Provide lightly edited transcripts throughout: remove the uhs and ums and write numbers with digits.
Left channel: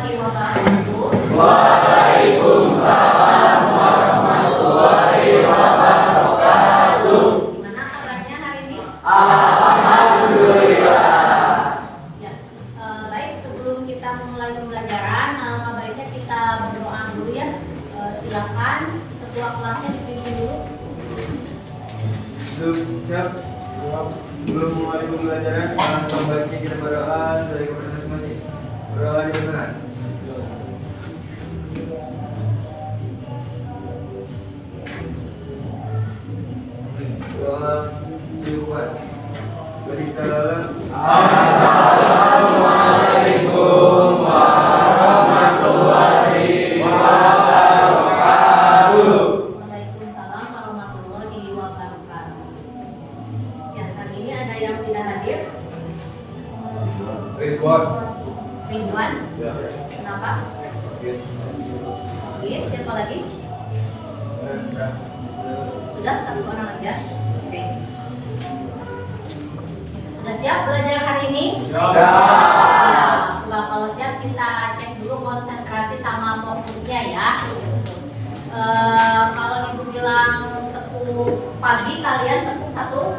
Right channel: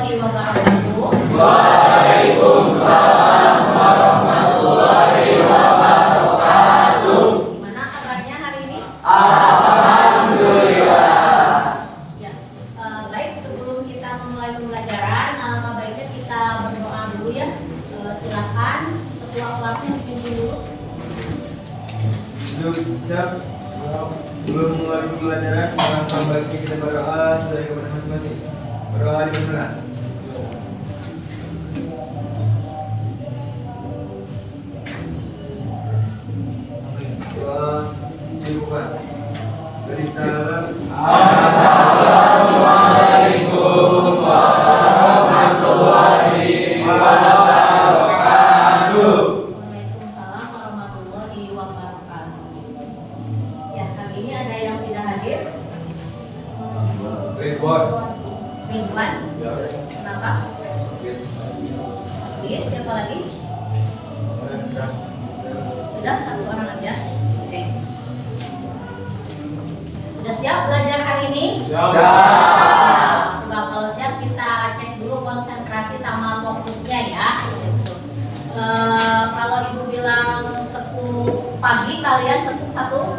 warahmatullahi wabarakatuh. Waalaikumsalam warahmatullahi wabarakatuh. Gimana kabarnya hari ini? Alhamdulillah. Ya, baik, sebelum kita memulai pembelajaran, baiknya kita berdoa dulu ya. Silakan ketua kelasnya dipimpin dulu. Siap. Belum mulai pembelajaran, alangkah baiknya kita berdoa dari kepada masing-masing. Berdoa di beneran. Doa cukupkan. Beri salam. Assalamualaikum warahmatullahi wabarakatuh. Waalaikumsalam warahmatullahi wabarakatuh. Ya, kali ini ada yang tidak hadir. Ridwan. Ridwan. Kenapa? Oke, siapa lagi? Sudah satu orang aja. Oke. Sudah siap belajar hari ini? Siap. Nah, kalau siap kita cek dulu konsentrasi sama fokusnya ya. Kalau ibu bilang tepuk pagi, kalian tepuk satu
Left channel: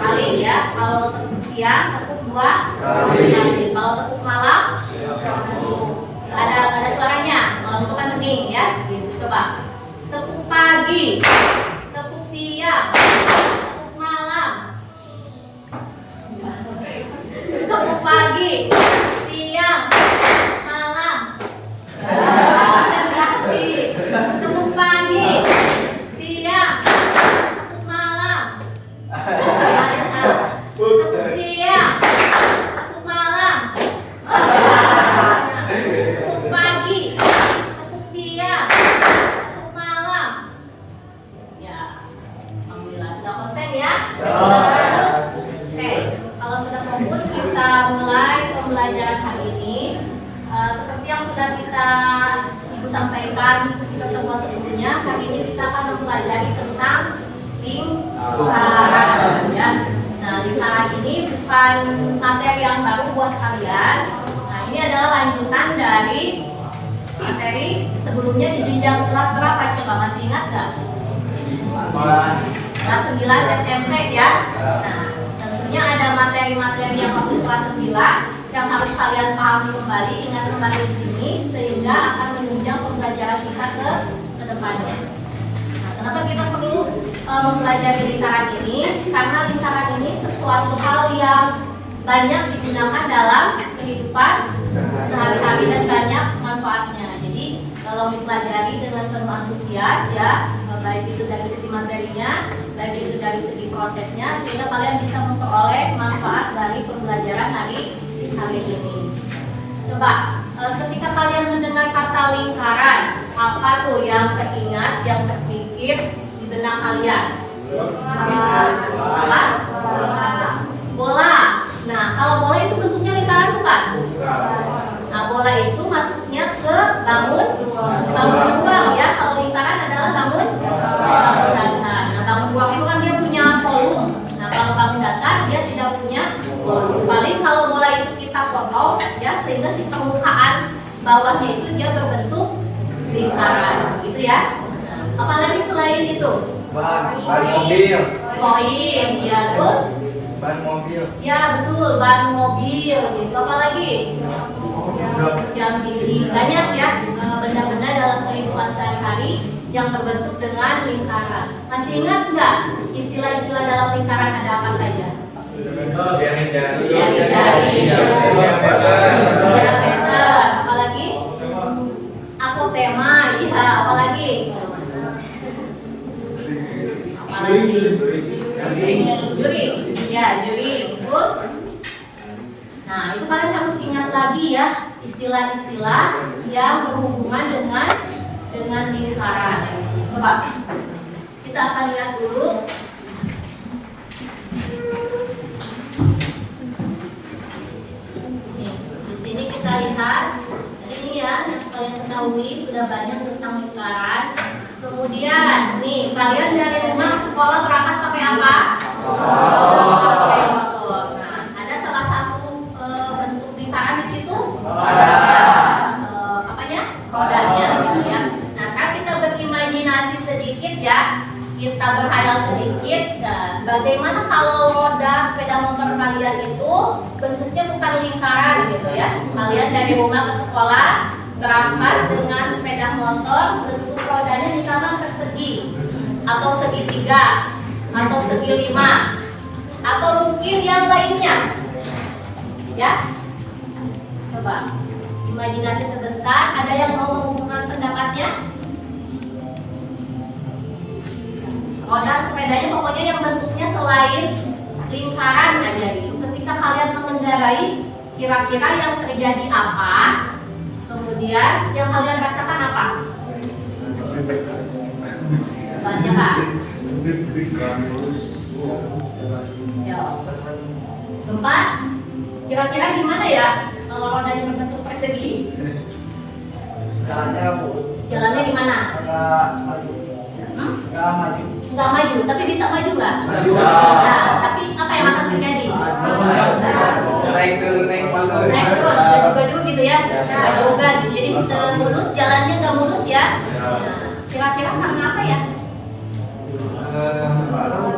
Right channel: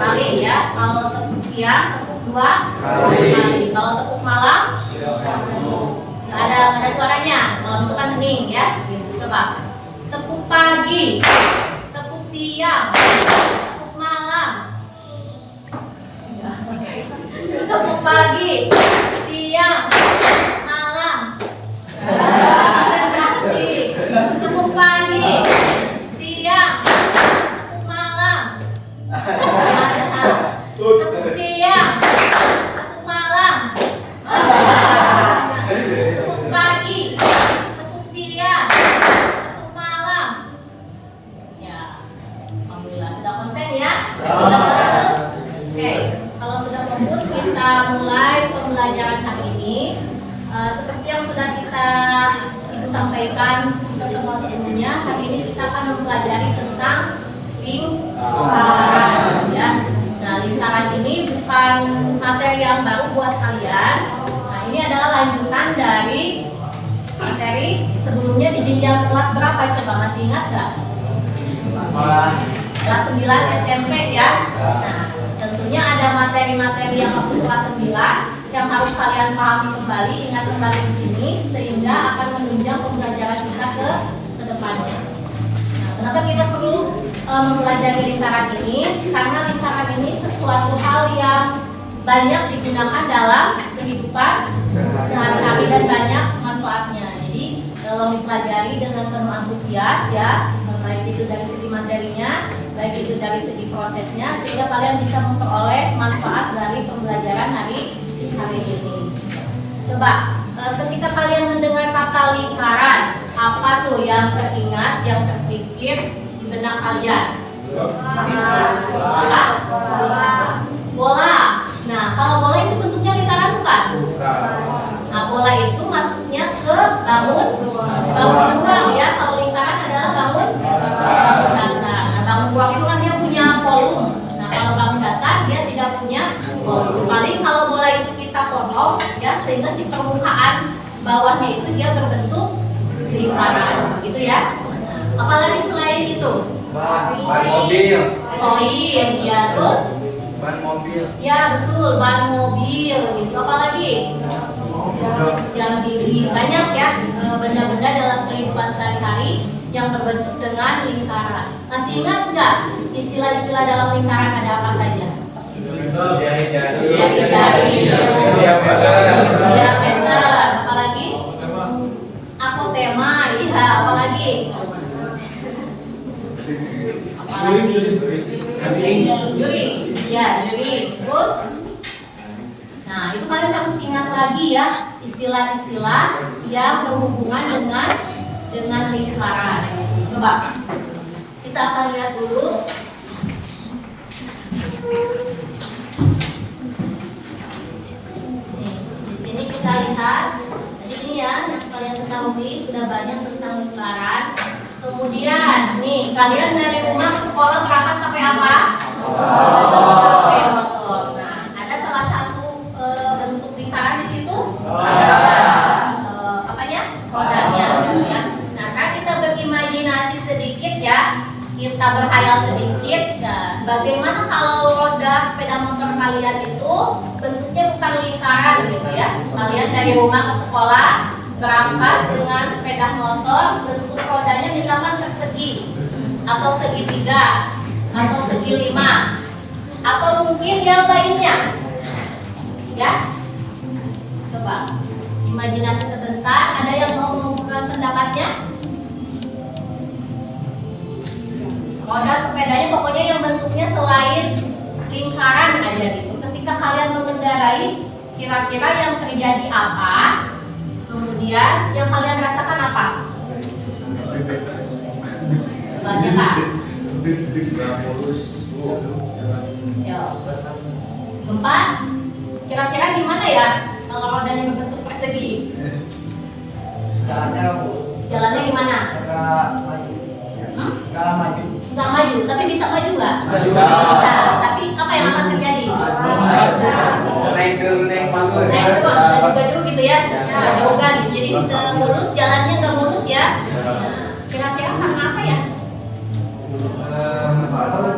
kali ya. Kalau tepuk siang, tepuk dua kali. Kalau tepuk malam, nggak ada suaranya. Malam itu kan hening ya. Gitu, coba. Tepuk pagi, tepuk siang, tepuk malam. Tepuk pagi, siang, malam. Konsentrasi. Tepuk pagi, siang, tepuk malam. Tepuk siang, tepuk malam. Tepuk pagi, tepuk siang, tepuk malam. Ya, alhamdulillah sudah konsen ya. Sudah fokus. Oke, kalau sudah fokus kita mulai pembelajaran hari ini. Seperti yang sudah Ibu sampaikan di pertemuan sebelumnya, hari ini kita akan mempelajari tentang lingkaran ya. Nah, lingkaran ini bukan materi yang baru buat kalian. Nah, ini adalah lanjutan dari materi sebelumnya di jenjang kelas berapa? Coba masih ingat nggak? Kelas 9 SMP ya. Nah, tentunya ada materi-materi yang waktu kelas 9 yang harus kalian pahami kembali, ingat kembali di sini sehingga akan menunjang pembelajaran kita ke depannya. Nah, kenapa kita perlu mempelajari lingkaran ini? Karena lingkaran ini sesuatu hal yang banyak digunakan dalam kehidupan sehari-hari dan banyak manfaatnya. Jadi kalau dipelajari dengan penuh antusias ya, baik itu dari segi materinya, baik itu dari segi prosesnya, sehingga kalian bisa memperoleh manfaat dari pembelajaran hari ini. Coba, ketika kalian mendengar kata lingkaran, apa tuh yang teringat, yang terpikir di benak kalian? Apa? Bola. Nah, kalau bola itu bentuknya lingkaran bukan? Nah, bola itu masuknya ke bangun ruang ya. Kalau lingkaran adalah bangun datar. Nah, bangun ruang itu kan dia punya volume. Nah, kalau bangun datar dia tidak punya volume. Paling kalau bola itu kita potong ya, sehingga si permukaan bawahnya itu dia berbentuk lingkaran, gitu ya. Nah, apalagi selain itu? Ban mobil. Koin, ya, terus? Ban mobil. Ya betul, ban mobil gitu. Apalagi? Jam dinding. Banyak ya benda-benda dalam kehidupan sehari-hari yang terbentuk dengan lingkaran. Masih ingat nggak istilah-istilah dalam lingkaran ada apa saja? Jari-jari, diameter, apalagi? Apotema, iya, apalagi? Juring, ya juring. Terus, nah itu kalian harus ingat lagi ya istilah-istilah yang berhubungan dengan lingkaran. Coba kita akan lihat dulu. Nih, di sini kita lihat. Jadi ini ya yang kalian ketahui sudah banyak tentang lingkaran. Kemudian nih kalian dari rumah ke sekolah berangkat pakai apa? Pakai motor. Nah, ada salah satu bentuk lingkaran di situ? khayal sedikit. Nah, bagaimana kalau roda sepeda motor kalian itu bentuknya bukan lingkaran gitu ya? Kalian dari rumah ke sekolah berangkat dengan sepeda motor, bentuk rodanya misalkan persegi atau segitiga atau segi 5 atau mungkin yang lainnya ya. Coba imajinasi sebentar, ada yang mau mengungkapkan pendapatnya? Roda sepedanya pokoknya yang bentuknya selain lingkaran aja gitu. Ketika kalian mengendarai, kira-kira yang terjadi apa? Kemudian yang kalian rasakan apa? Coba siapa? Yo. Gempa? Kira-kira gimana ya kalau rodanya berbentuk persegi? Jalannya gimana? Nggak maju, tapi bisa maju nggak? Bisa. Tapi apa yang akan terjadi? Naik turun, baju-baju gitu ya? Baju-baju gitu. Jadi mulus, jalannya nggak mulus ya? Nah, kira-kira karena apa ya?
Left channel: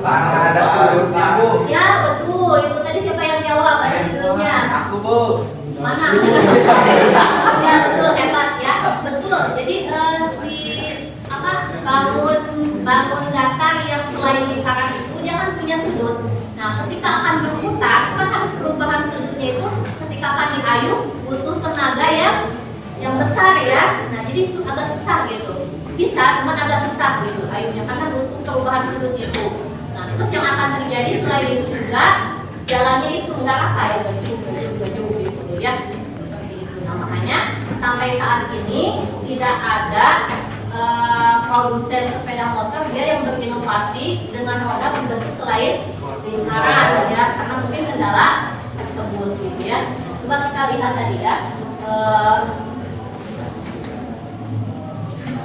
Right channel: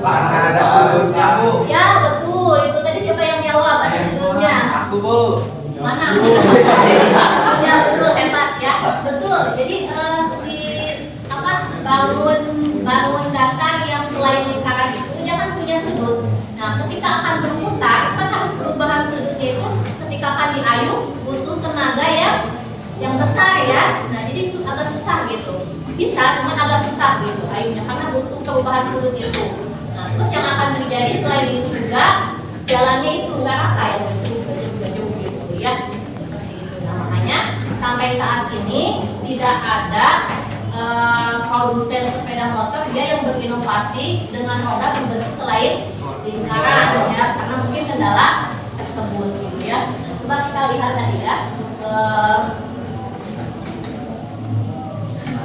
Karena ada sudutnya, Bu. Ya betul, itu tadi siapa yang jawab? Ada sudutnya. Aku, Bu. Mana? Ya betul, hebat ya. Betul. Jadi bangun datar yang selain lingkaran itu dia kan punya sudut. Nah, ketika akan berputar kan harus perubahan sudutnya itu ketika akan diayuh butuh tenaga yang besar ya. Nah, jadi agak susah gitu. Bisa, cuman agak susah gitu ayuhnya karena butuh perubahan sudut itu. Nah, terus yang akan terjadi selain itu juga jalannya itu nggak rata ya, nggak jauh gitu ya. Seperti itu. Nah, makanya sampai saat ini tidak ada produsen sepeda motor dia yang berinovasi dengan roda berbentuk selain lingkaran ya, karena mungkin kendala tersebut gitu ya. Coba kita lihat tadi ya,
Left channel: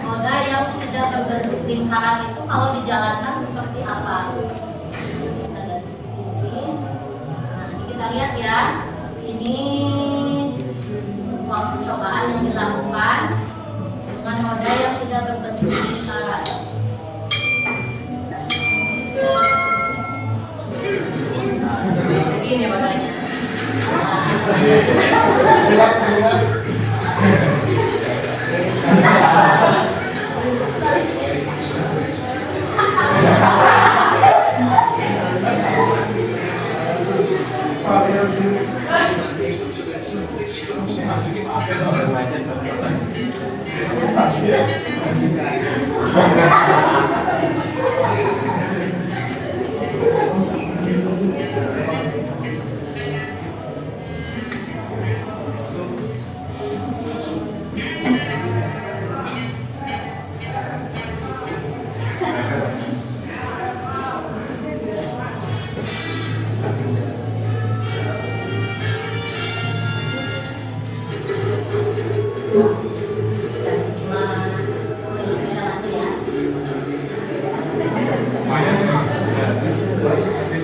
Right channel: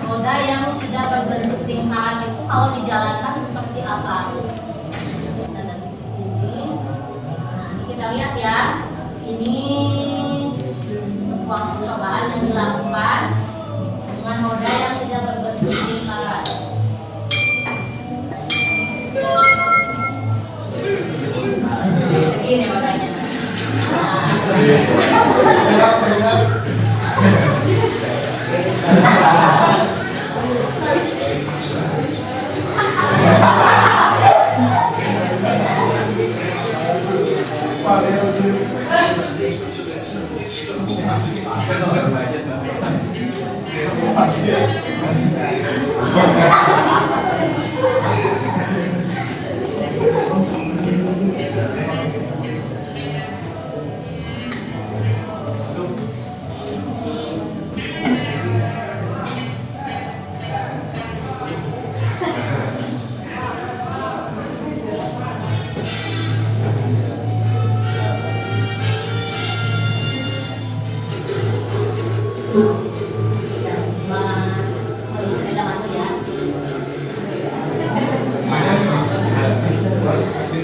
roda yang tidak berbentuk lingkaran itu kalau dijalankan seperti apa? Kita lihat di sini. Nah, ini kita lihat ya, ini sebuah percobaan yang dilakukan dengan roda yang tidak berbentuk lingkaran. Segini rodanya.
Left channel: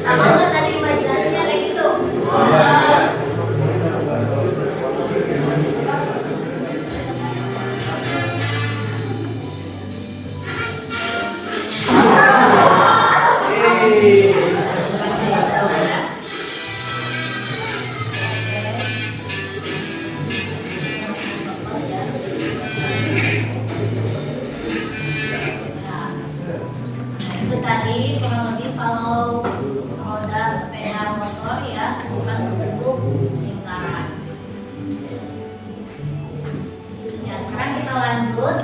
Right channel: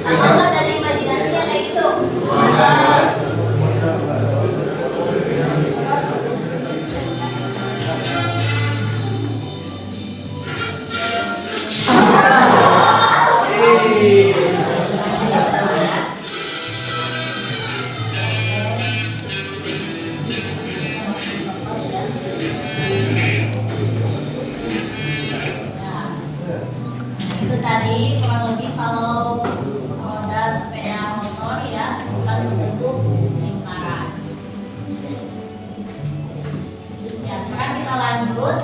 Sama nggak dari imajinasinya kayak gitu? Itu tadi kurang lebih kalau roda sepeda motor ya bukan berbentuk lingkaran. Ya, sekarang kita lanjut.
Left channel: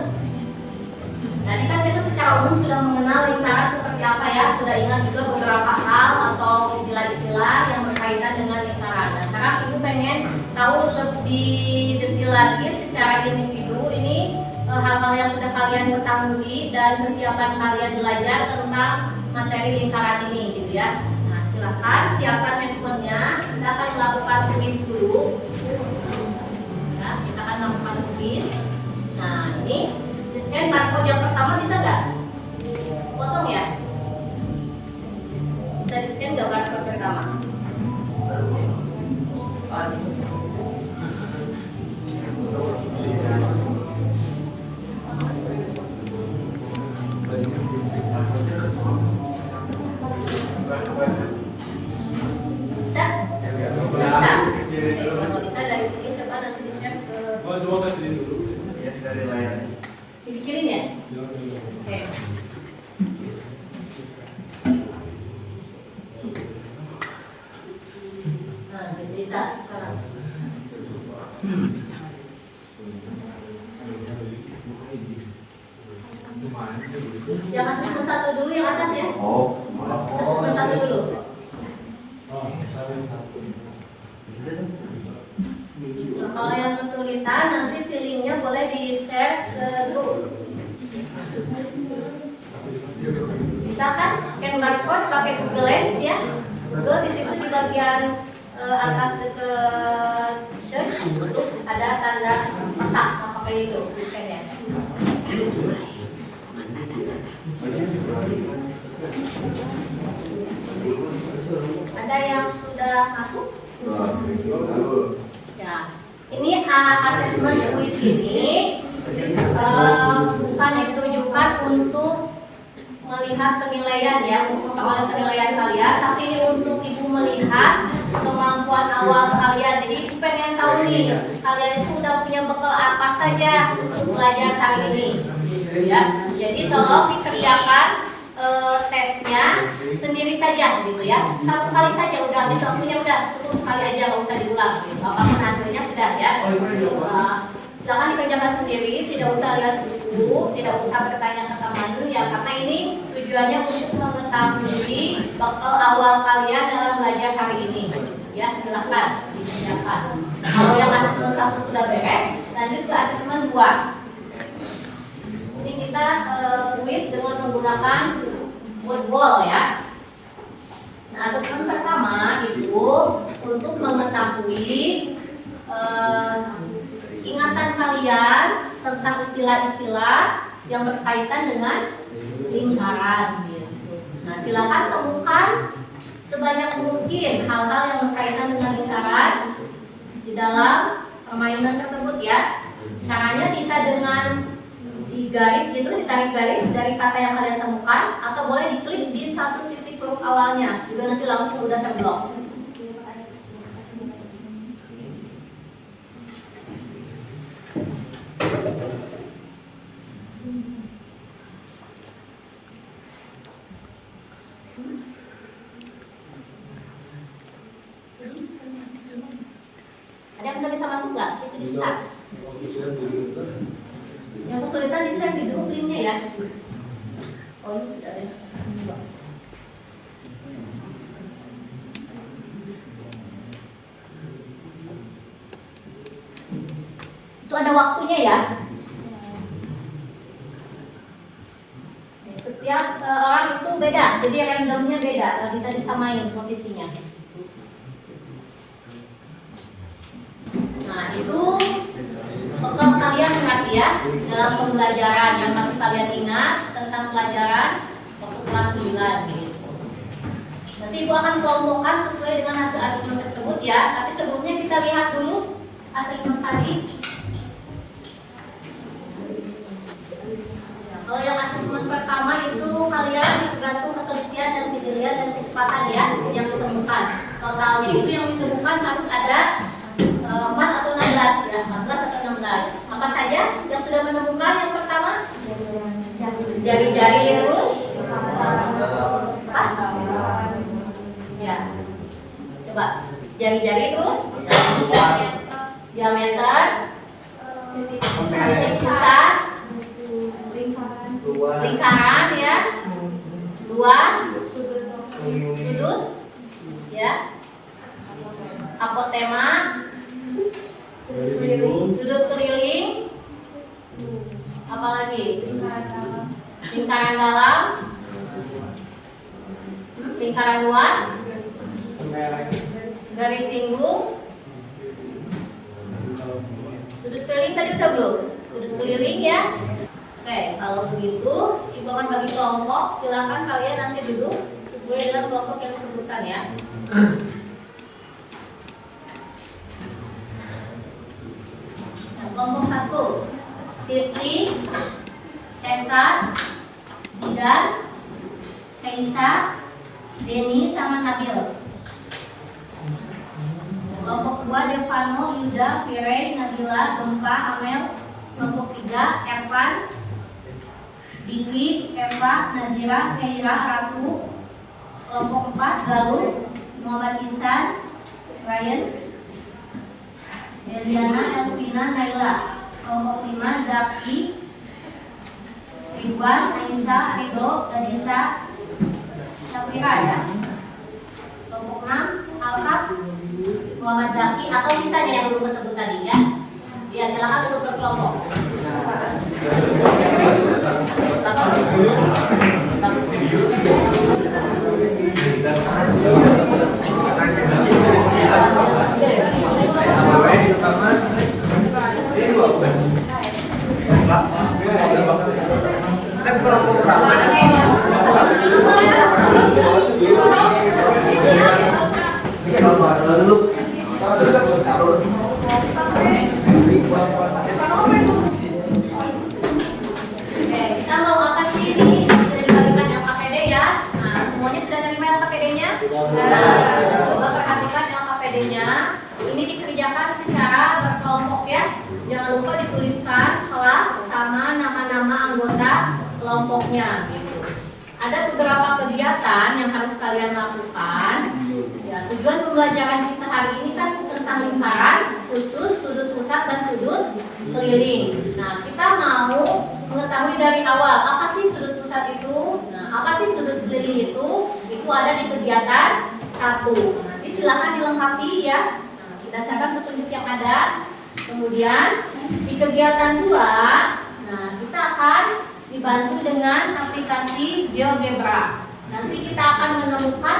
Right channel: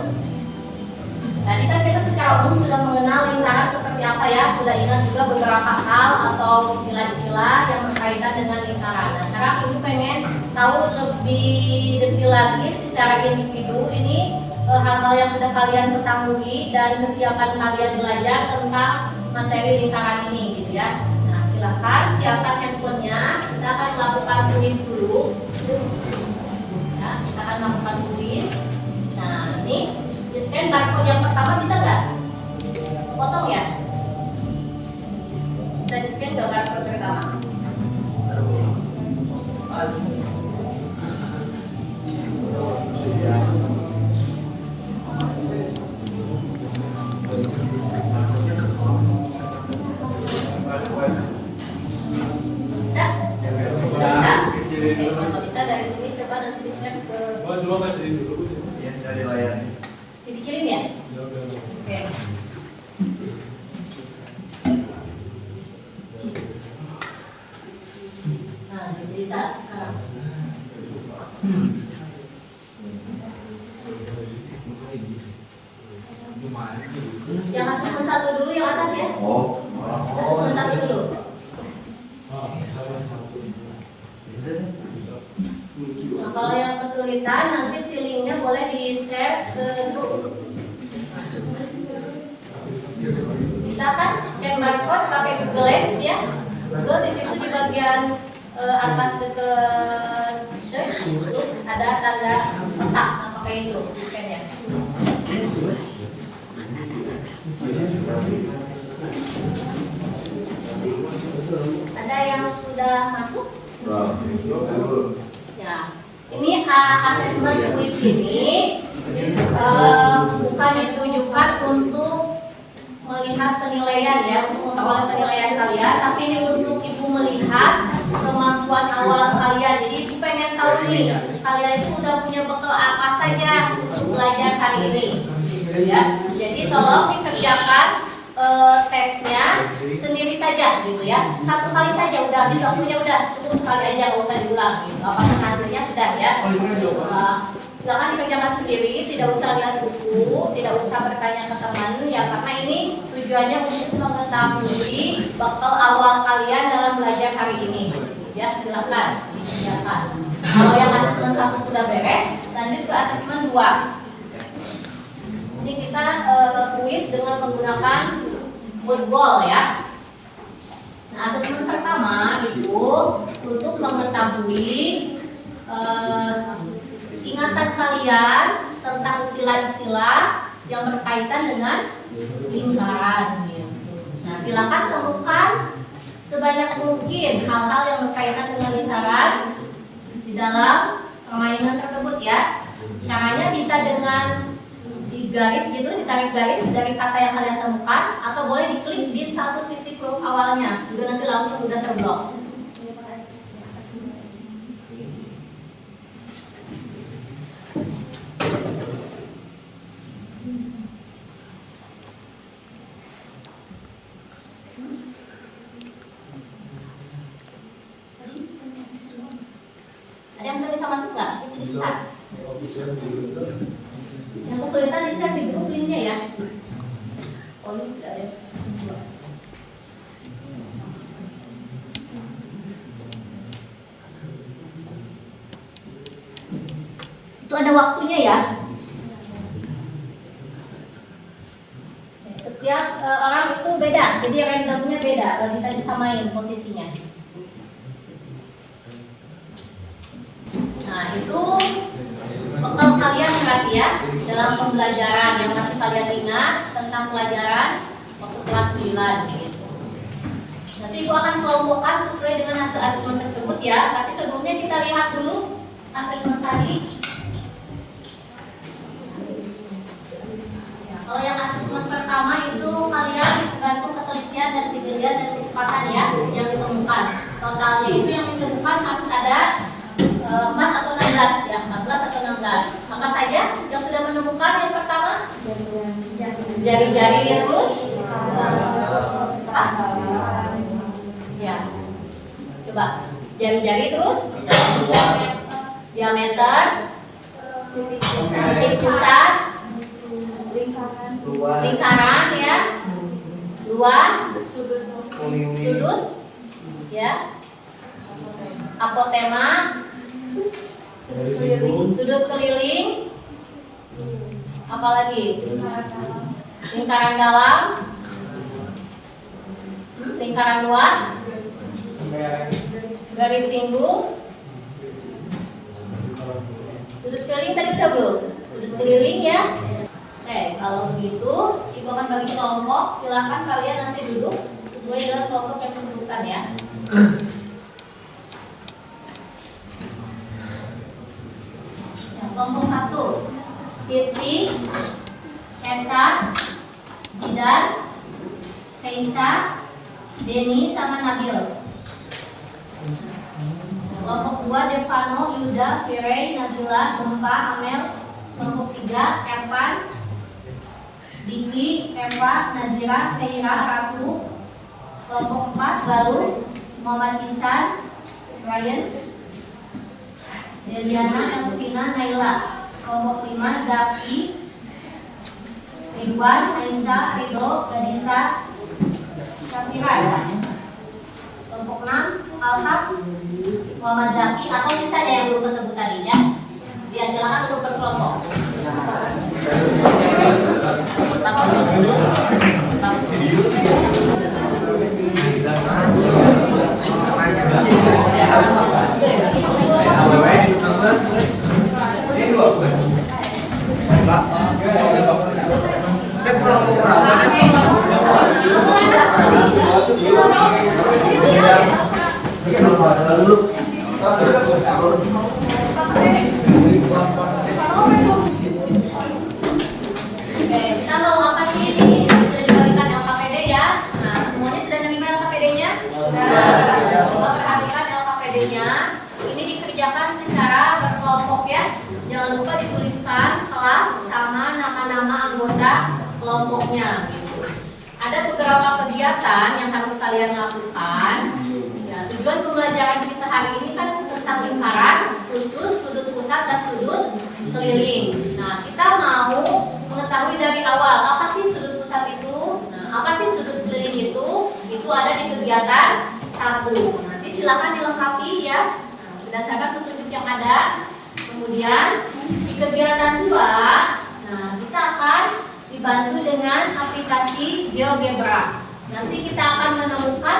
Tadi kan kita secara umum sudah mengenal lingkaran seperti apa ya, sudah ingat juga beberapa hal atau istilah-istilah yang berkaitan dengan lingkaran. Nah, sekarang ibu pengen tahu lebih detail lagi secara individu ini hal-hal yang sudah kalian ketahui dan kesiapan kalian belajar tentang materi lingkaran ini gitu ya. Nah, silakan siapkan handphonenya. Kita akan melakukan kuis dulu. Ya, kita akan melakukan kuis. Nah, ini di scan barcode yang pertama bisa nggak? Potong ya. Bisa di scan nggak barcode pertama? Ya, dari layar. Dikecilin ya? Oke. Nah, bisa sekarang. Yang asesmen 1 dulu yang atas ya? Asesmen 1 dulu. Nah, kalau yang kesulitan nanti si linknya boleh di-share ke grup. Bisa kan scan barcode pakai Google Lens ya? Google di situ di bagian atas dekat search ada tanda kotak, nah pakai itu di scan-nya. Ada yang sudah masuk? Ya, ini asesmen quiz ini bukan ditujukan untuk melihat penilaian ya, untuk mengawal penilaian kalian, tapi ini untuk ibu melihat kemampuan awal kalian. Jadi ibu pengen tahu nih, kalian itu udah punya bekal apa saja untuk belajar hari ini, gitu ya. Jadi tolong dikerjakan tesnya sendiri saja, gitu ya. Satu kali saja udah habis waktunya, udah cukup sekali aja, nggak usah diulang. Gitu. Apapun hasilnya sudah ya. Silakan dikerjakan sendiri, tidak usah lihat buku, tidak usah bertanya ke teman ya, karena ini tujuannya untuk mengetahui bekal awal kalian dalam belajar hari ini. Ya, silakan dikerjakan. Kalau yang asesmen 1 sudah beres, lanjut ke asesmen 2. Ini kita kuis dengan menggunakan word wall ya. Nah, asesmen pertama itu untuk mengetahui ingatan kalian tentang istilah-istilah yang berkaitan dengan lingkaran gitu. Nah, silakan temukan sebanyak mungkin hal-hal yang berkaitan dengan lingkaran di dalam permainan tersebut ya. Caranya bisa dengan digaris gitu, ditarik garis dari kata yang kalian temukan, atau boleh diklik di satu titik huruf awalnya, juga nanti langsung udah terblok. Ada yang bisa masuk nggak? Itu di start. Yang kesulitan di share di grup linknya ya. Oh, ini sudah ada. Itu ada waktunya ya. Setiap orang itu beda, jadi randomnya beda, gak bisa disamain posisinya. Nah, itu bekal kalian berarti ya dalam pembelajaran yang masih kalian ingat tentang pelajaran waktu kelas 9 gitu. Nanti Ibu akan kelompokkan sesuai dengan hasil asesmen tersebut ya. Tapi sebelumnya kita lihat dulu asesmen tadi. Ya, kalau yang asesmen pertama itu kalian tergantung ketelitian dan kejelian dan kecepatan ya yang ditemukan. Totalnya itu yang ditemukan harus ada 4 atau 16 ya, 14 atau 16. Apa saja yang sudah menemukan yang pertama? Jari-jari terus. Ya. Coba. Jari-jari terus. Diameter. Titik pusat. Lingkaran ya. Luas. Sudut. Ya. Apotema. Sudut keliling. Apalagi? Lingkaran dalam. Lingkaran luar. Garis singgung. Sudut keliling tadi udah belum? Sudut keliling ya. Oke, kalau begitu Ibu akan bagi kelompok. Silakan kalian nanti duduk sesuai dengan kelompok yang disebutkan ya. Kelompok 1, Siti, Esa, Jidan, Kaisa, Denny sama Nabil. Kelompok 2 Devano, Yuda, Firey, Nabila, Gempa, Amel. Kelompok 3 Ervan, Diki, Eva, Nazira, Keira, Ratu. Kelompok 4 Galuh, Muhammad Isan, Ryan, Eliana, Elvina, Naila. Kelompok 5 Zaki, Ridwan, Aisyah, Ridho, Gadisa, Syafira ya. Kelompok 6 Alhaq, Muhammad Zaki, atau sisanya yang belum tersebut tadi ya. Ya silakan duduk berkelompok. Oke, kita mau apa sih ini? Sudah dibagikan LKPD ya. Nah, semuanya sudah menerima LKPD-nya? Nah, coba perhatikan LKPD-nya. Ini dikerjakan secara berkelompok ya. Jangan lupa dituliskan kelas sama nama-nama anggota kelompoknya gitu. Ada beberapa kegiatan yang harus kalian lakukan. Ya, tujuan pembelajaran kita hari ini kan tentang lingkaran, khusus, sudut pusat dan sudut keliling. Nah, kita mau mengetahui dari awal apa sih sudut pusat itu, nah, apa sih sudut keliling itu ada di kegiatan 1. Nanti silakan dilengkapi ya, berdasarkan petunjuk yang ada. Kemudian di kegiatan 2, nah kita akan dibantu dengan aplikasi GeoGebra. Nanti kita akan menemukan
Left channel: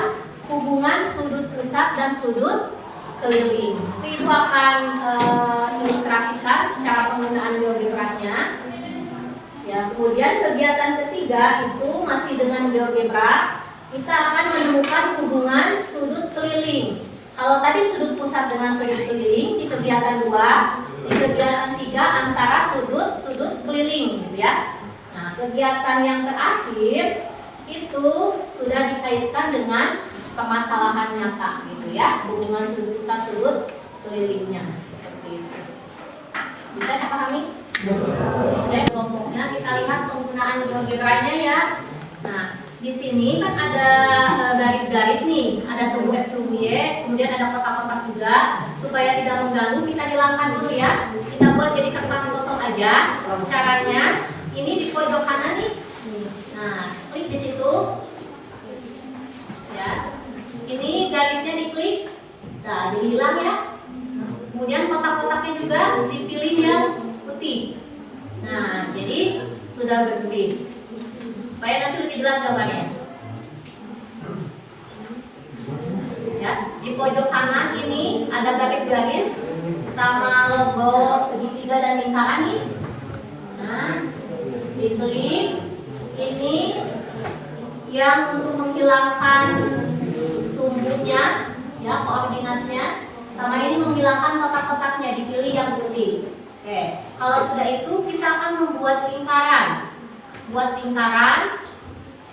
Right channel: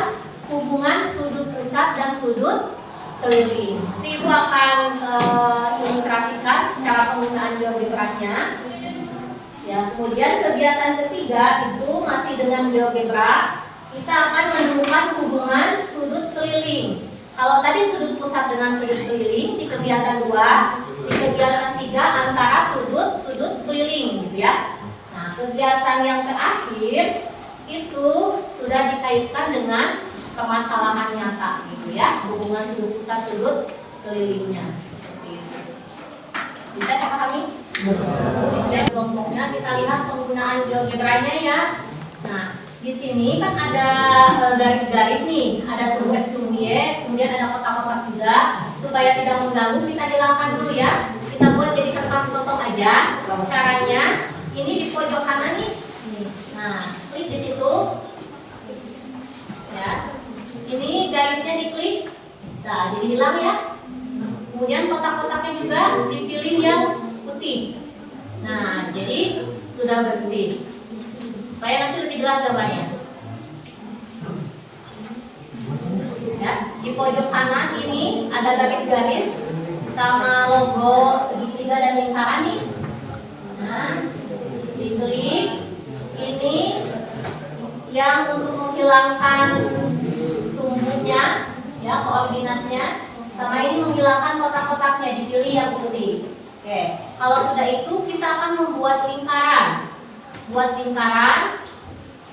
hubungan sudut pusat dan sudut keliling. Nanti Ibu akan ilustrasikan cara penggunaan GeoGebra-nya. Ya, kemudian kegiatan ketiga itu masih dengan GeoGebra. Kita akan menemukan hubungan sudut keliling. Kalau tadi sudut pusat dengan sudut keliling di kegiatan 2, di kegiatan 3 antara sudut keliling gitu ya. Nah, kegiatan yang terakhir itu sudah dikaitkan dengan permasalahan nyata gitu ya, hubungan sudut pusat sudut kelilingnya seperti itu. Bisa dipahami? Oke, kelompoknya kita lihat penggunaan GeoGebra-nya ya. Nah, di sini kan ada garis-garis nih, ada sumbu X, sumbu Y, kemudian ada kotak-kotak juga. Supaya tidak mengganggu, kita hilangkan dulu ya. Kita buat jadi kertas kosong aja. Caranya ini di pojok kanan nih. Nah, klik di situ. Ya. Ini garisnya diklik. Nah, jadi hilang ya. Kemudian kotak-kotaknya juga dipilih yang putih. Nah, jadi sudah bersih. Supaya nanti lebih jelas gambarnya. Ya, di pojok kanan ini ada garis-garis sama logo segitiga dan lingkaran nih. Nah, diklik. Ini yang untuk menghilangkan sumbunya, ya koordinatnya. Sama ini menghilangkan kotak-kotaknya, dipilih yang putih. Oke, kalau sudah itu kita akan membuat lingkaran. Buat lingkaran.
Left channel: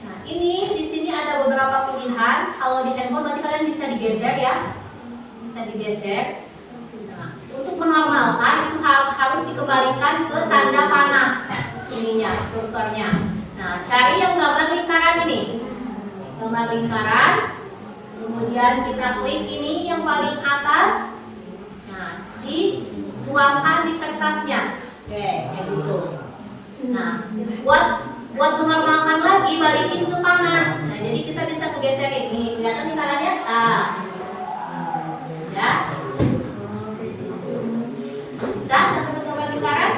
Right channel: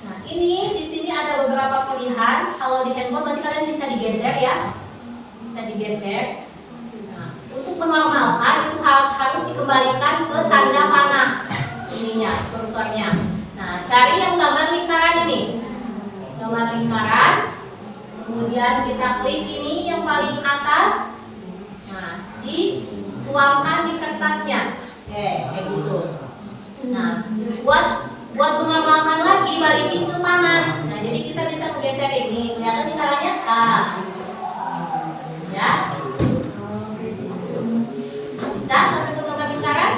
Nah, ini di sini ada beberapa pilihan. Kalau di handphone berarti kalian bisa digeser ya. Bisa digeser. Nah, untuk menormalkan itu harus dikembalikan ke tanda panah ininya, kursornya. Nah, cari yang gambar lingkaran ini. Gambar lingkaran. Kemudian kita klik ini yang paling atas. Nah, dituangkan di kertasnya. Oke, kayak gitu. Nah, buat menormalkan lagi, balikin ke kanan. Nah, jadi kita bisa ngegeser ini. Kelihatan lingkarannya? Ya. Bisa sampai ke gambar lingkaran?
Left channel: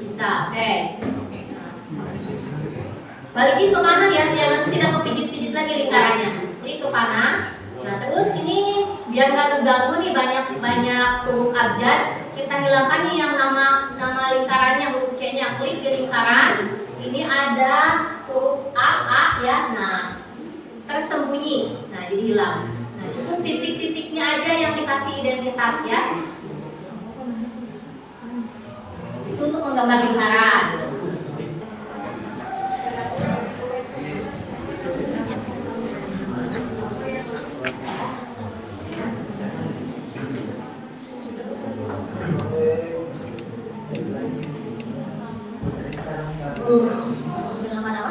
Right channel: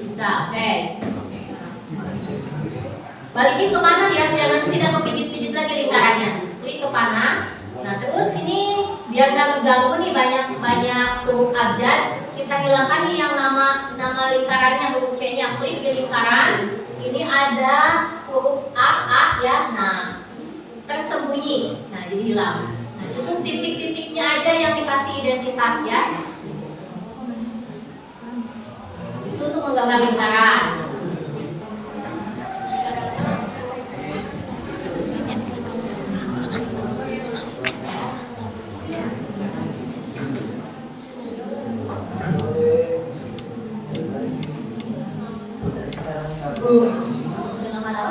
Bisa. Oke. Balikin ke kanan ya, jangan tidak kepijit-pijit lagi lingkarannya. Klik ke kanan. Nah, terus ini biar nggak ngeganggu nih banyak huruf abjad, kita hilangkan nih yang nama lingkarannya, huruf C-nya. Klik di lingkaran. Ini ada huruf A ya. Nah, tersembunyi. Nah, jadi hilang. Nah, cukup titik-titiknya aja yang dikasih identitas ya. Itu untuk menggambar lingkaran. Dengan mana?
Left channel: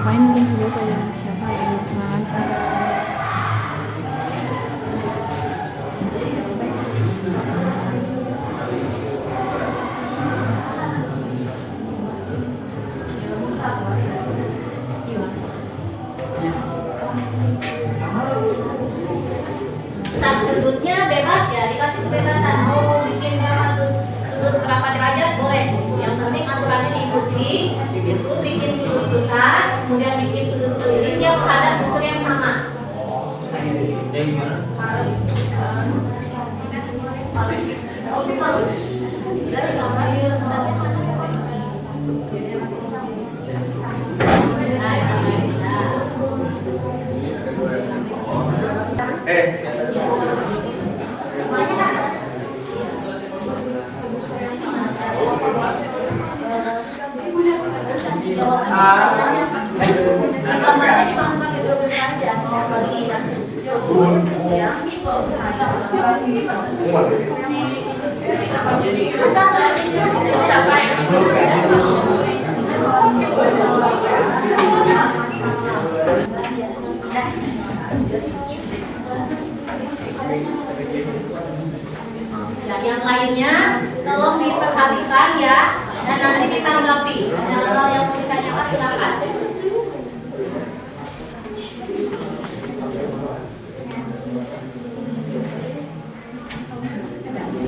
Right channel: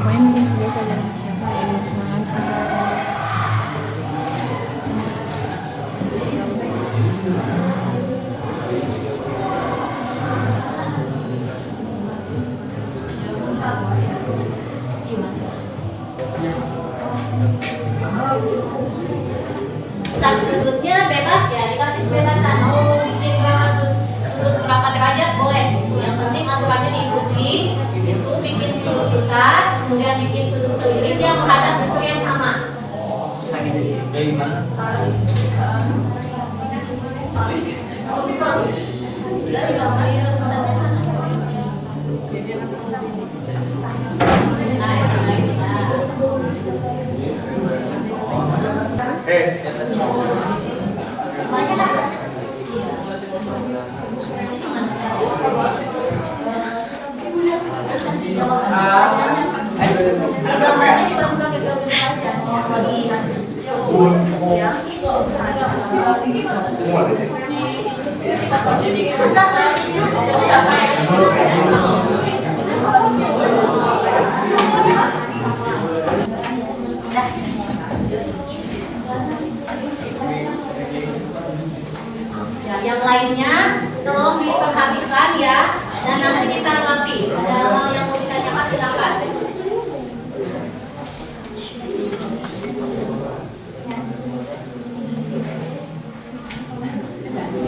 Main dulu pada siapa yang makan. Sudutnya bebas ya, dikasih kebebasan mau bikin berapa sudut berapa derajat boleh. Yang penting aturannya diikuti. Itu bikin sudut pusat, kemudian bikin sudut keliling yang menghadap busur yang sama. Dari mana? Sudah di gambar ini. Yang lainnya tolong diperhatikan ya, dan nanti kita tanggapi. Ada hal yang mau ditanyakan silakan.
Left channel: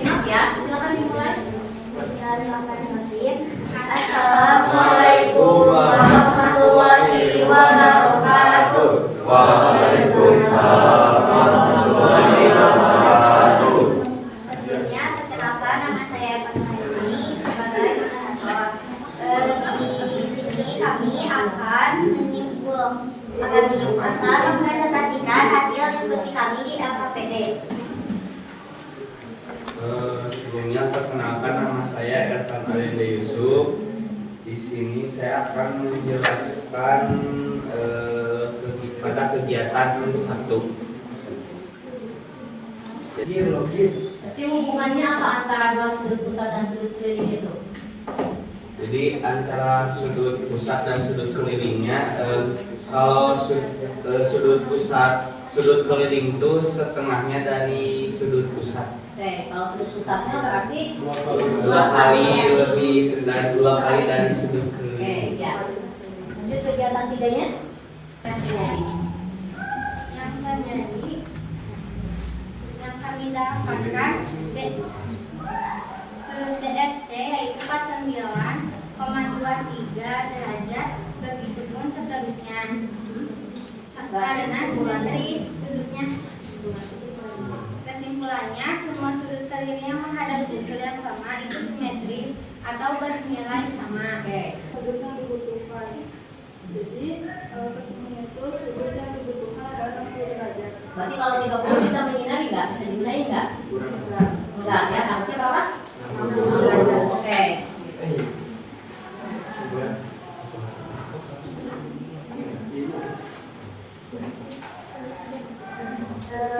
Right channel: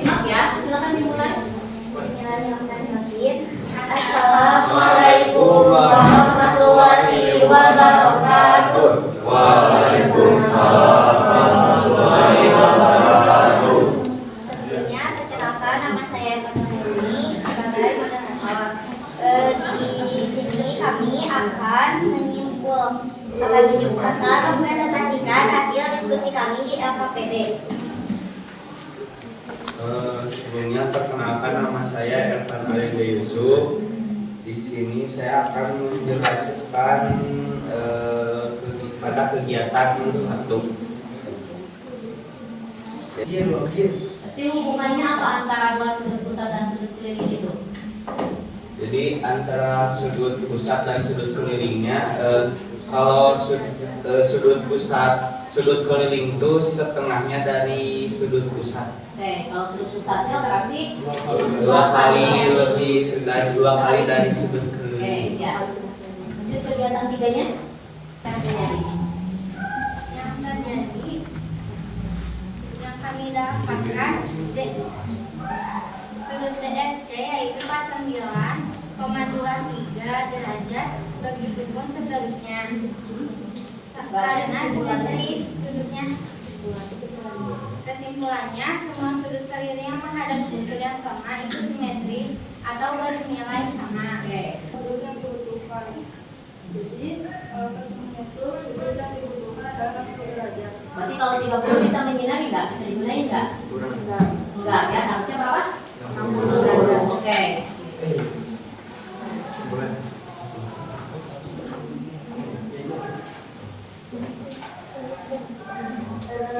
Siap ya, silakan dimulai. Bismillahirrahmanirrahim. Assalamualaikum warahmatullahi wabarakatuh. Waalaikumsalam warahmatullahi wabarakatuh. Sebelumnya perkenalkan, nama saya Fatma sebagai moderator. Di sini kami akan mempresentasikan hasil diskusi kami di LKPD. Sebelumnya perkenalkan, nama saya Irfan Alinda Yusuf. Di sini saya akan menjelaskan pada kegiatan satu. Jadi hubungannya apa antara dua sudut pusat dan sudut keliling itu? Jadi antara sudut pusat dan sudut kelilingnya, kalau sudut keliling itu setengahnya dari sudut pusat. Oke, kalau sudut pusatnya berarti dua kali dari sudut Oke, keliling. ya. Lanjut kegiatan tiganya. Yang terjadi. Yang kami dapatkan sudut CFC yaitu 49,23 derajat, begitupun seterusnya. Karena simetris sudutnya. Kesimpulannya, semua sudut keliling yang menghadap busur yang sama itu simetris atau bernilai sama. Oke. Sudut yang dibutuhkan. Jadi kesimpulannya itu sudut yang dibutuhkan adalah 60 derajat. Berarti kalau 30 bisa menyinari nggak? Bisa digunain nggak? Enggak ya, harusnya berapa? 60 derajat. Oke.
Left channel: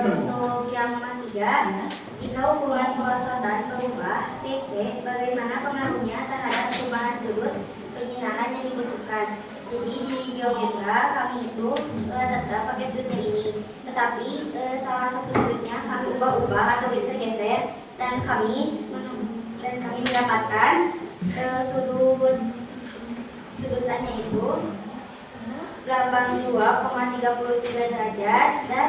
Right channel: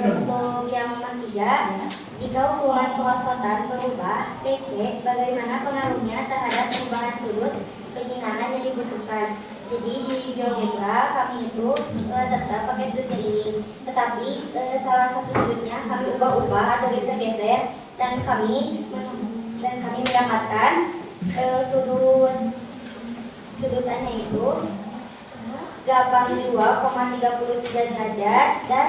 Untuk yang ketiga, jika hubungan perosotan berubah, PC bagaimana pengaruhnya terhadap perubahan sudut penyinaran yang dibutuhkan. Jadi di GeoGebra kami itu tetap pakai sudut keliling, tetapi salah satu sudutnya kami ubah-ubah atau geser-geser, dan kami mendapatkan sudutannya itu 82,33 derajat dan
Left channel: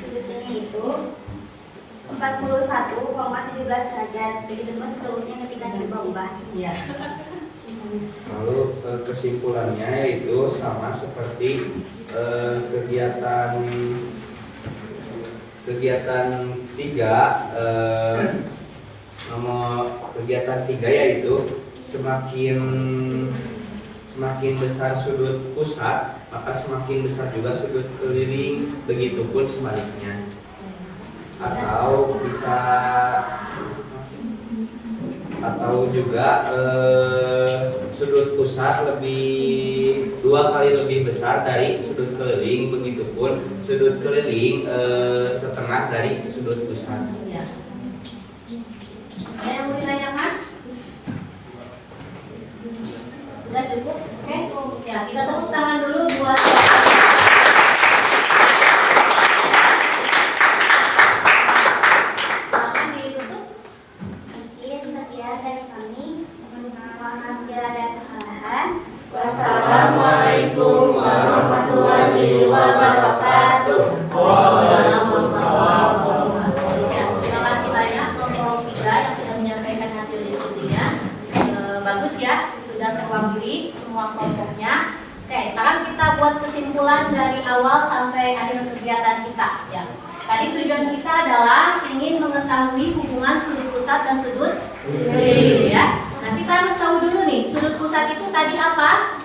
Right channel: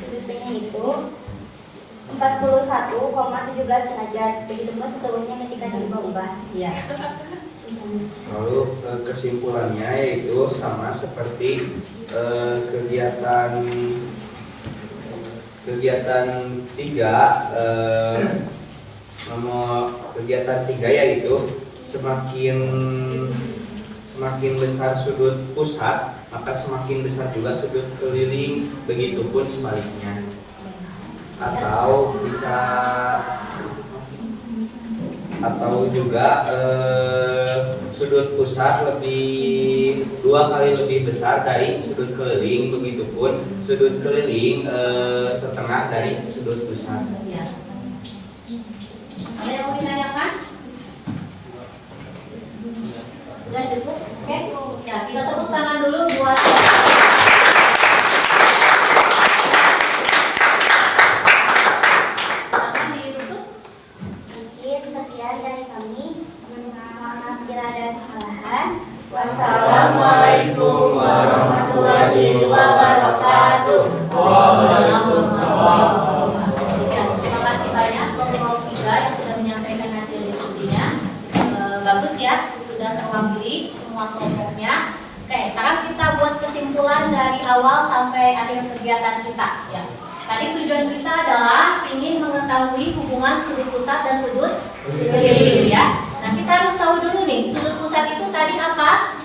sudutnya itu 41,17 derajat. Begitu pun seterusnya ketika diubah-ubah. Iya. Lalu kesimpulannya yaitu sama seperti kegiatan 3 nomor kegiatan 3 yaitu semakin besar sudut pusat maka semakin besar juga sudut keliling, begitupun sebaliknya. Atau juga sudut pusat lebih 2 kali lebih besar dari sudut keliling, begitupun sudut keliling setengah dari sudut pusat. Ya. Ada yang mau ditanyakan? Sudah cukup? Oke. Ya, kita tepuk tangan dulu buat silakan ditutup. Mungkin sekian dari kami. Mohon maaf bila ada kesalahan. Wassalamualaikum warahmatullahi wabarakatuh. Ya, terima kasih banyak kelompok 3 yang sudah menyampaikan hasil diskusinya. Bagus ya, sudah terwakili semua kelompoknya. Oke, sekarang kita buat kesimpulan dari awal sampai akhir kegiatan kita. Ya, tadi tujuan kita adalah ingin mengetahui hubungan sudut pusat dan sudut keliling ya. Nah, kita harus tahu dulu nih, sudut pusat itu tadi apa?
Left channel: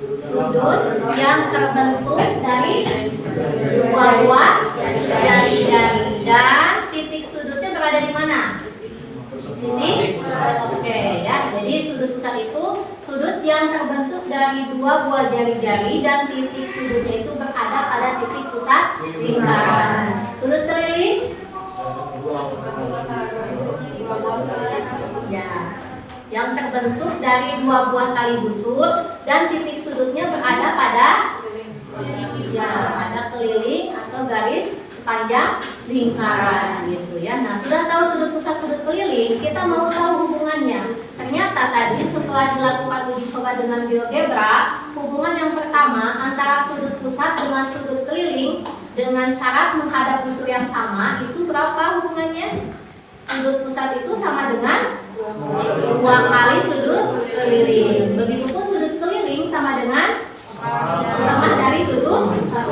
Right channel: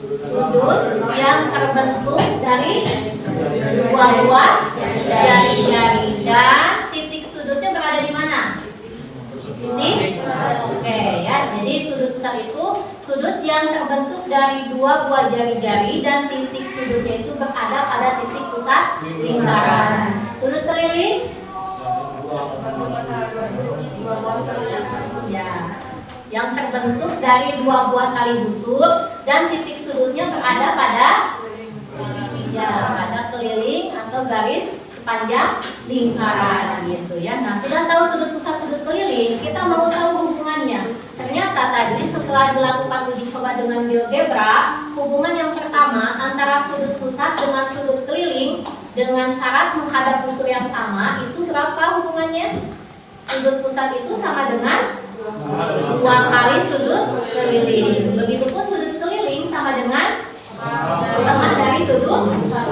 Sudut yang terbentuk dari 2 buah jari-jari dan titik sudutnya berada di mana? Titik. Oke ya. Jadi sudut pusat itu sudut yang terbentuk dari 2 buah jari-jari dan titik sudutnya itu berada pada titik pusat lingkaran. Sudut keliling? Ya. Yang terbentuk dari 2 buah tali busur dan titik sudutnya berada pada keliling atau garis sepanjang lingkaran gitu ya. Nah, sudah tahu sudut pusat sudut keliling, kita mau tahu hubungannya. Ternyata tadi setelah dilakukan uji coba dengan GeoGebra, hubungan yang pertama antara sudut pusat dengan sudut keliling dengan syarat menghadap busur yang sama itu berapa hubungannya? Sudut pusat itu sama dengan 2 kali sudut keliling. Begitupun sudut keliling sama dengan setengah dari sudut pusat.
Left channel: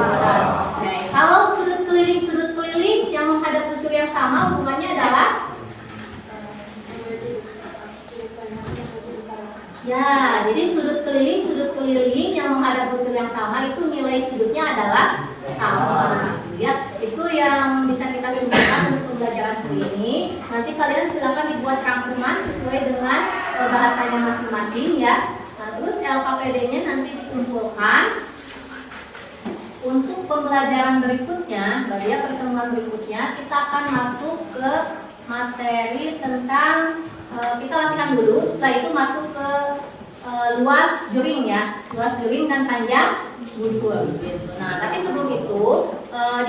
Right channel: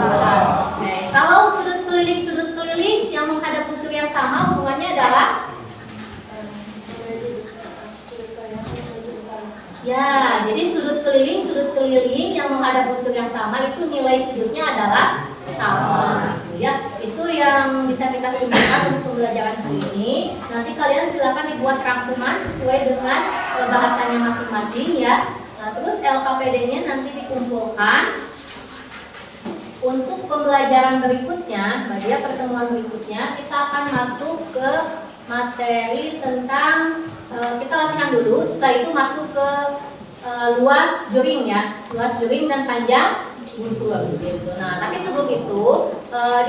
Oke, kalau sudut keliling yang menghadap busur yang sama hubungannya adalah ya, jadi sudut keliling yang menghadap busur yang sama itu nilai sudutnya adalah sama gitu ya. Itu yang bisa kita simpulkan untuk pembelajaran hari ini. Nanti kalian silakan dibuat rangkuman sesuai dengan bahasanya masing-masing ya. Nah, terus LKPD-nya nanti dikumpulkan. Untuk pembelajaran berikutnya, pada pertemuan berikutnya kita akan masuk ke materi tentang kita latihan dulu. Setelah itu masuk ke luas juring ya, luas juring dan panjang busur gitu. Nah, tapi sebelum itu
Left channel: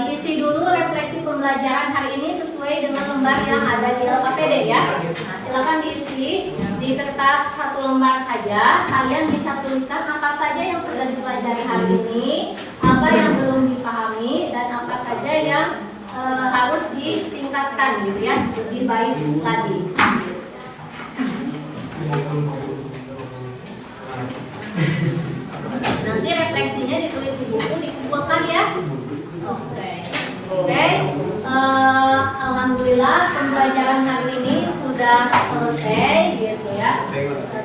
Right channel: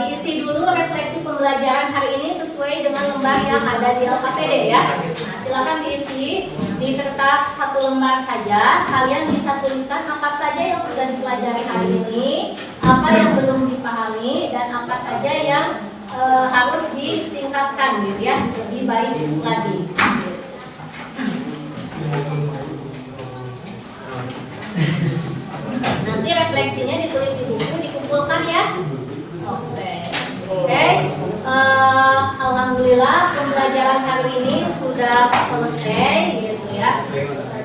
diisi dulu refleksi pembelajaran hari ini sesuai dengan lembar yang ada di LKPD ya. Nah, silakan diisi di kertas 1 lembar saja. Kalian bisa tuliskan apa saja yang sudah dipelajari hari ini, apa yang belum dipahami, dan apa saja yang harus ditingkatkan gitu ya, lebih baik lagi. Nanti refleksinya ditulis di buku, dikumpulkan ya. Oke. Alhamdulillah pembelajaran hari ini sudah selesai gitu ya.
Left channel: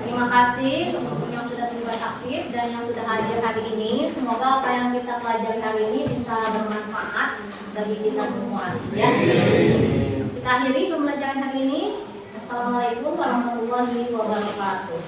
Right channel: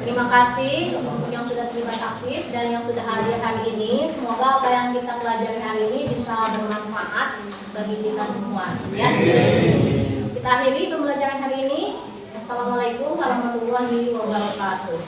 Terima kasih untuk yang sudah terlibat aktif dan yang sudah hadir hari ini. Semoga apa yang kita pelajari hari ini bisa bermanfaat bagi kita semua ya. Kita akhiri pembelajaran hari ini. Assalamualaikum warahmatullahi wabarakatuh.